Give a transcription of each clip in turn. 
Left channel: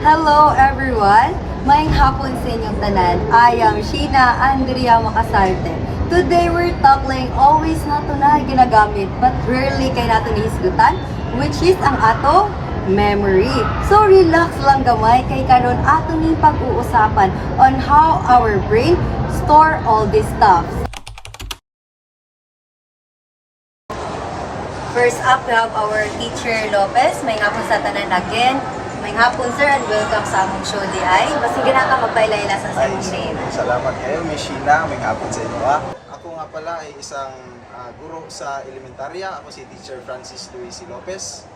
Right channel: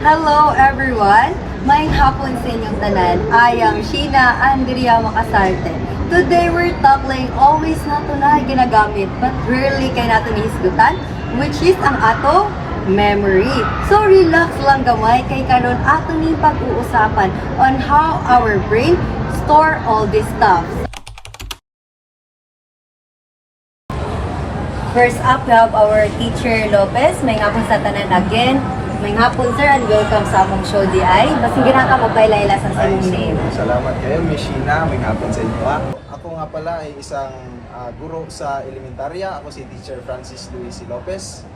Hello everyone! Maayong hapon sa inyong tanan. I am Sheena Andrea Macasarte. Today we're tackling always nato na ginagamit but rarely kay nato nihisgutan, which is ang ato memory. So relax lang gamay kay karon ato ni pag-uusapan on how our brain store all this stuff. First up, we have our teacher Lopez. May hapon sa tanan again. May hapon sir and welcome sa among show DI. Basig na ka magpailayla sa imong name. Salamat kayo, Miss Sheena. May hapon sa inyo. Ako nga pala ay isang guro sa elementarya. Ako si Teacher Francis Luis Lopez.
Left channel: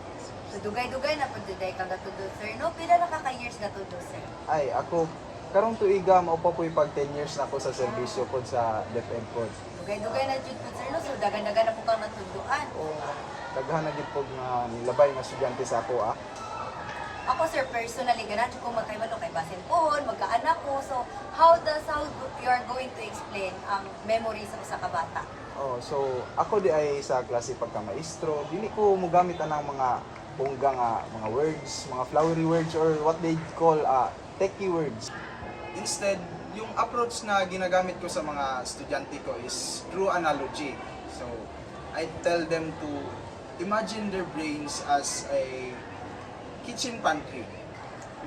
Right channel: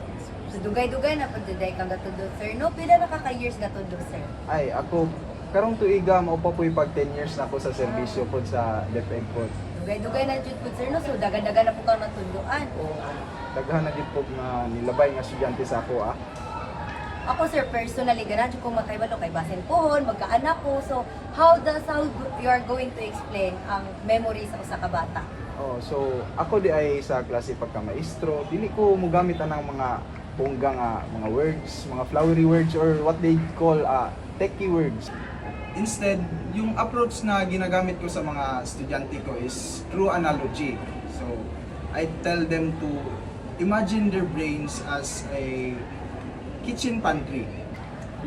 So dugay-dugay na pagdiday kang gatudod sir. No, pila na ka-years gatudod sir? Ay, ako, karong tuiga, maupa po'y pag 10 years na ako sa servisyo po sa DepEd po. Dugay-dugay na jud pud sir no. So dagan-dagan na po kang natunduan. Daghan na gid po na nilabay nga estudyante sa ako. Ako sir, personally, ganun kung magkaibalo kay basin pohon, magkaanak ko. So, how you are going to explain ang memory sa usa ka bata? So ako di ay sa klase pagka maestro, dili ko mogamit anang mga bongga nga mga words, mga flowery words or what they call techie words. Instead, yung approach na ginagamit ko sa mga estudyante ko is through analogy. So I tell them to imagine their brains as a kitchen pantry.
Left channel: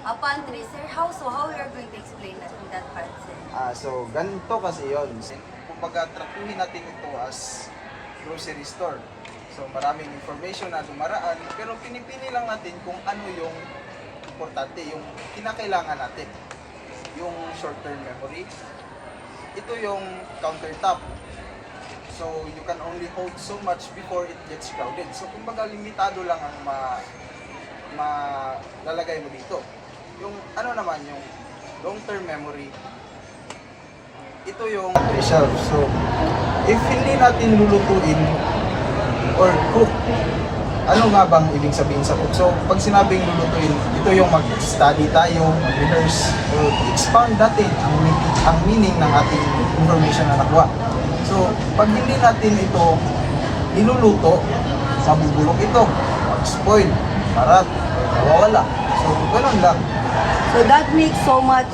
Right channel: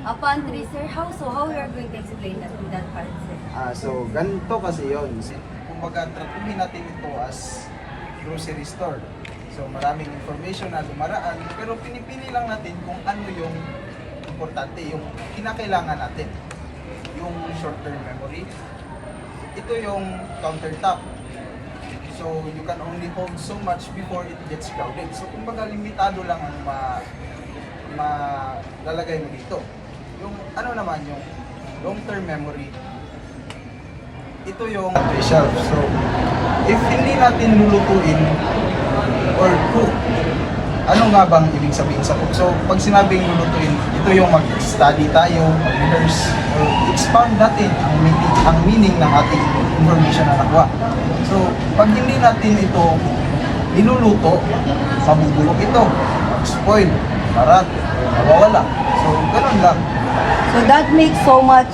A pantry sir, how you are going to explain that part sir? So ganito kasi yon. Kumbaga tratuhin natin ito as grocery store. So maraming information na dumaraan, pero pinipili lang natin kung ano yung importante, yung kinakailangan natin. Yung short-term memory. Ito yung countertop. So you can only hold so much before it gets crowded. So kumbaga limitado lang ang malalagay mo dito. Yung ano naman, yung long-term memory, ito yung shelf. So, if hindi natin lulutuin or cook, ano nga bang ibig sabihin sa cook? So, pag sinabing lulutuin, ito yung mag-study tayo, mag-rehearse, or expand natin ang meaning ng ating information na nakuha. So, pag hindi natin ito niluluto, mabubulok ito, mag-spoil, marat, mawawala. So, ganun lang. So that makes so much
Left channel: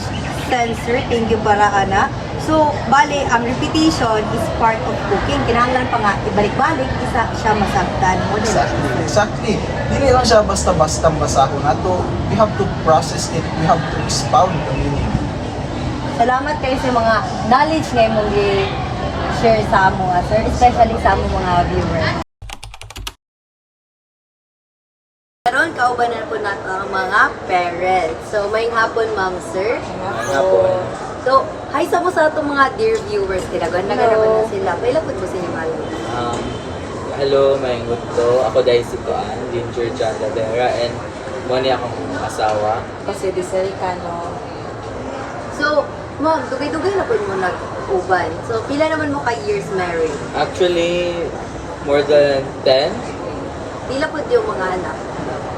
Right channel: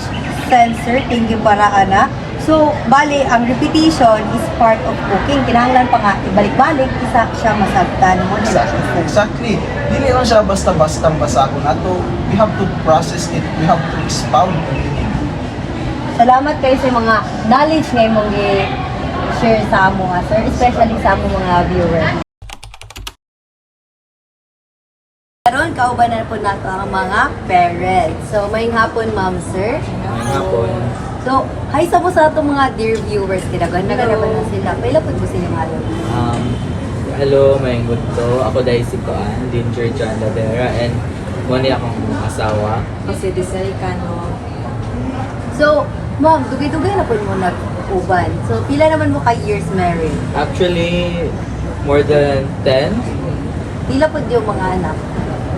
sense sir. Thank you para ana. So, bali, ang repetition is part of cooking. Kinahanglan pa nga, ibalik-balik, isa siya masagtan mo. Exactly. Hindi lang siya basta-basta basahon nato. We have to process it. We have to expound the meaning. Salamat kayo sa mga knowledge nga mong i-share sa amo nga, sir. Especially sa amo mga viewers. Karon kauban na po nato ang mga parents. So, may hapon, ma'am, sir. May hapon. So, hi sa po sa itong mga dear viewers. Tinagan na sila. May lapod po sila mga Hello, may to. Ako dahil si Koan, Ginger Chan Lavera, and muna akong asawa. Kasi Diesel Cano. So, ma'am, dugay-dugay na po mo nag-uban. So, pila naman mo ka years married? Actually, more than 10. Pila po yung mga anak?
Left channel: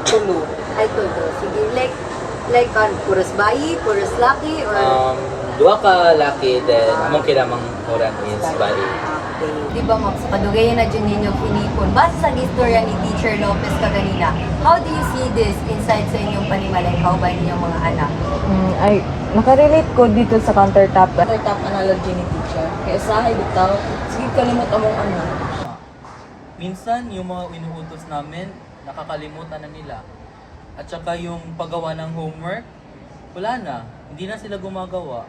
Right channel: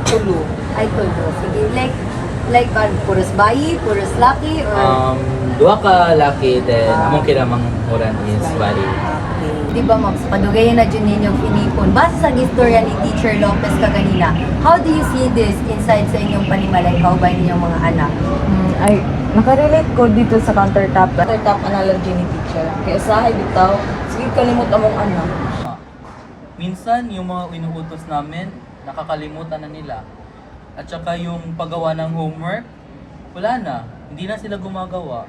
Tulo. Ay, tulo. Sige, like puros bayi, puros laki, or... Dua ka laki, then among kinamang huran is bali. Di ba, ma'am, sa kadugayan na dyan ninyong pinipon, base sa istorya ni Teacher Lopez kaganina, how do you see this inside sa inyong panimalay? How ba ninyong mga anak? Ay, nakarelate ko dito sa countertop. Countertop analogy ni teacher. Kaya usahay bitaw, sige kalimot among anak. Minsan, yung mga inuutos namin, nakakalimutan na nila. At saka yung paggawa ng homework, wala na. Hindi na sila gumagawa.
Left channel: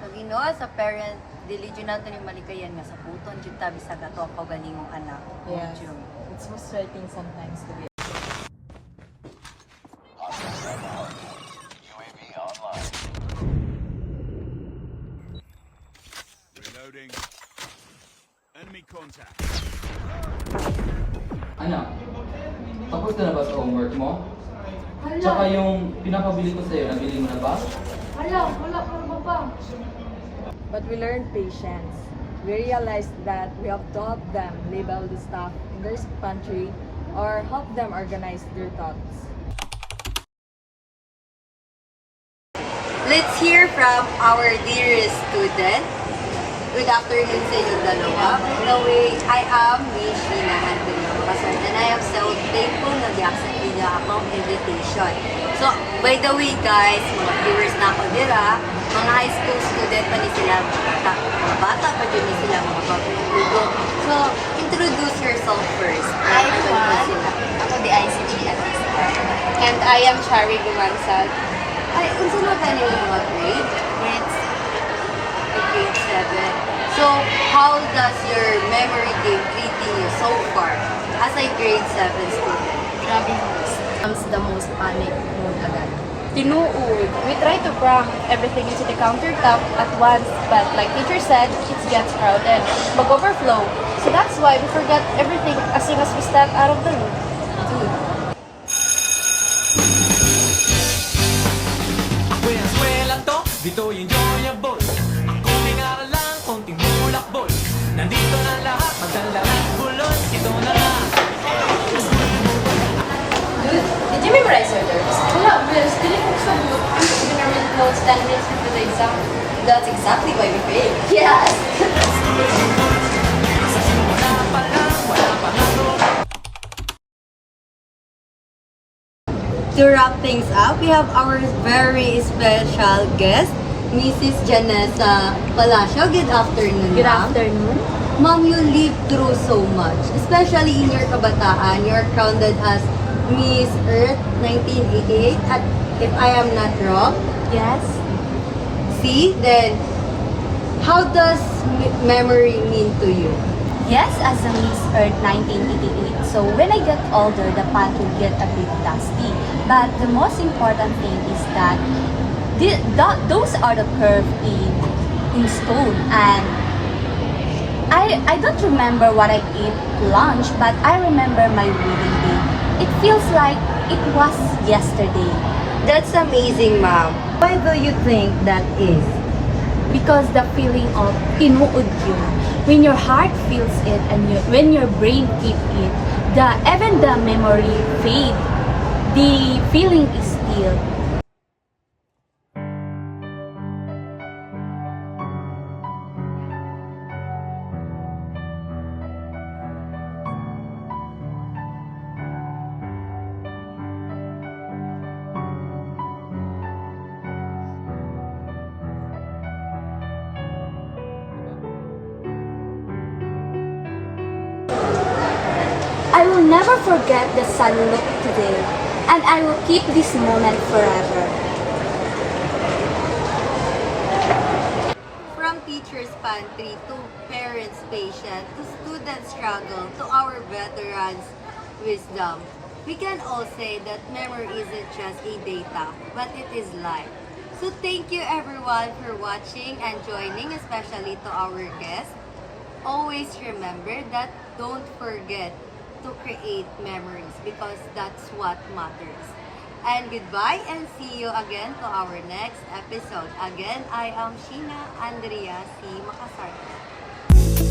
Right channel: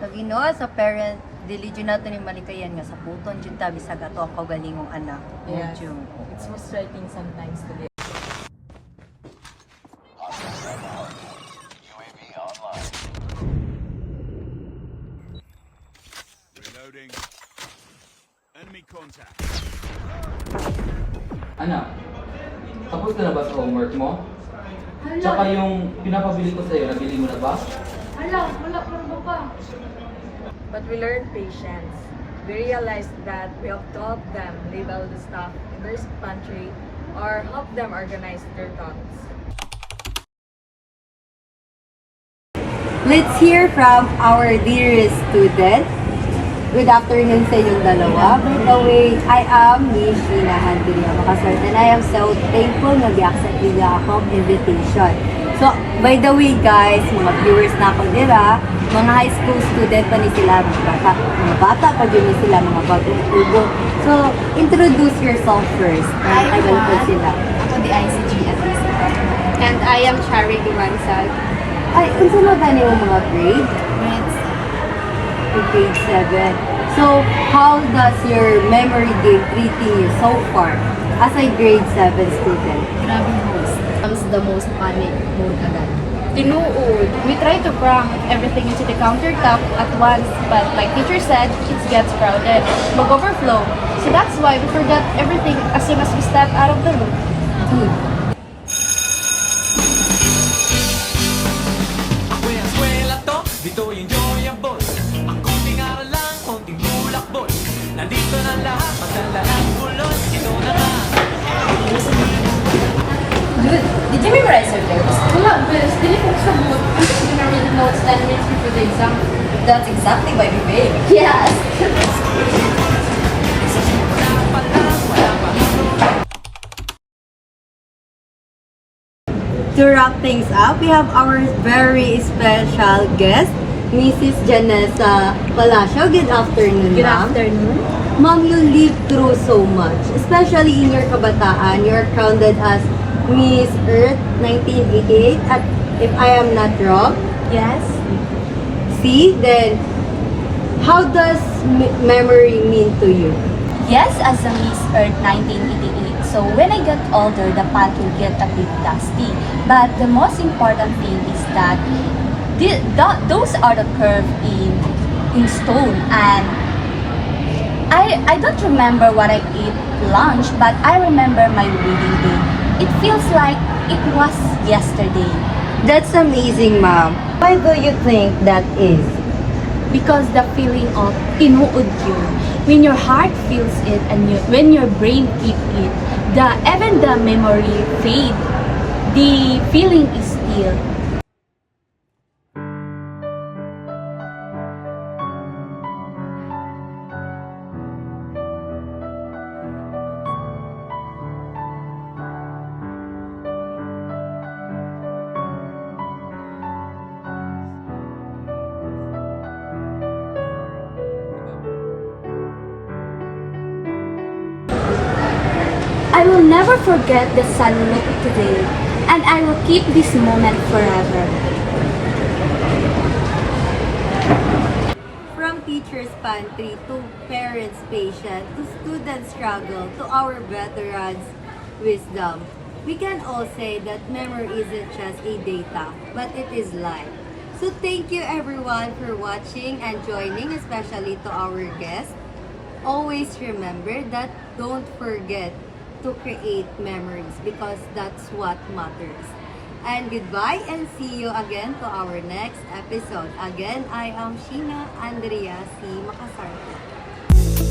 Nag-ino, sa parent, diligent natin yung malikayan nga sa puton, dyan tabi sa gato, pagaling mong anak. Yeah. It's frustrating sometimes to be. Reloading. Enemy contact. Anak, tapos ka na ba sa homework mo? Tsaka yung pinapabili ko sa'yo, nabili mo na ba? But we learned patience. We realized that we have to help them label the stuff in their pantry or help them organize their thoughts. Let's hear from our dearest student. Good afternoon sa inyong dalawa. By the way, I am Miss Sheena Andrea Macasarte and I am so thankful na di-accept niya akong invitation. So, by the way guys, mga viewers na ako dira, mga high school student pa ni sila, mga bata pa din ni sila, mga bagong ugo. So, introduce yourself first. I will po sila. Ako di ICG at least. And I am Chari Dumansag. Ay, unsa na gani yung mga grade? Next. Grade 7. So, how does your memory game treating you so far as a grade 7 student? Grabe host. Comes the most panic mode agad. Tinuod. We try to cram everything into the countertop at once, but like teacher said, it gets crowded, mag-overflow. So that's why we forgot everything as soon as we step out of the room. Dude, Ako'y ang swela to, dito yung enjoyable. Ang konting aral lang, konting bulakbol. Nandito na lahat, magdala ng bulon. Ito na nga. Dude, did you memorize your notes? Wala, Bes. Dili ko sa book. I'm just gonna read the notes 10 minutes before the exam. that's exactly why we pay. Yes! Sa simula pa lang, wala pang araw. To wrap things up, we have our very special guest, Mrs. Janessa Palacio. Good afternoon, Good ma'am. afternoon. Ma'am, you lived through so much, especially in your kabataan. You are crowned as Miss Earth 1988 at, if I am not wrong, Yes? see, then how does memory mean to you? Yes, as a Miss Earth 1988. So when I get older, the pad will get a bit dusty. But the most important thing is that those are the curve in stone. And I don't remember what I ate lunch, but I remember my wedding day. It feels like it was yesterday. That's amazing, ma'am. Why do you think that is? Because the feeling of tinuod yun. When your heart feels it and when your brain keep it, even the memory fade, the feeling is still. I will never forget the sun look today, and I will keep this moment forever. From teachers' pantry to parents' patient to students' struggle to our veterans' wisdom, we can all say that memory isn't just a data, but it is life. So thank you everyone for watching and joining, especially to our guests. Always remember that don't forget to create memories because that's what matters. And goodbye and see you again to our next episode. Again, I am Sheena Andrea C. Makasarte.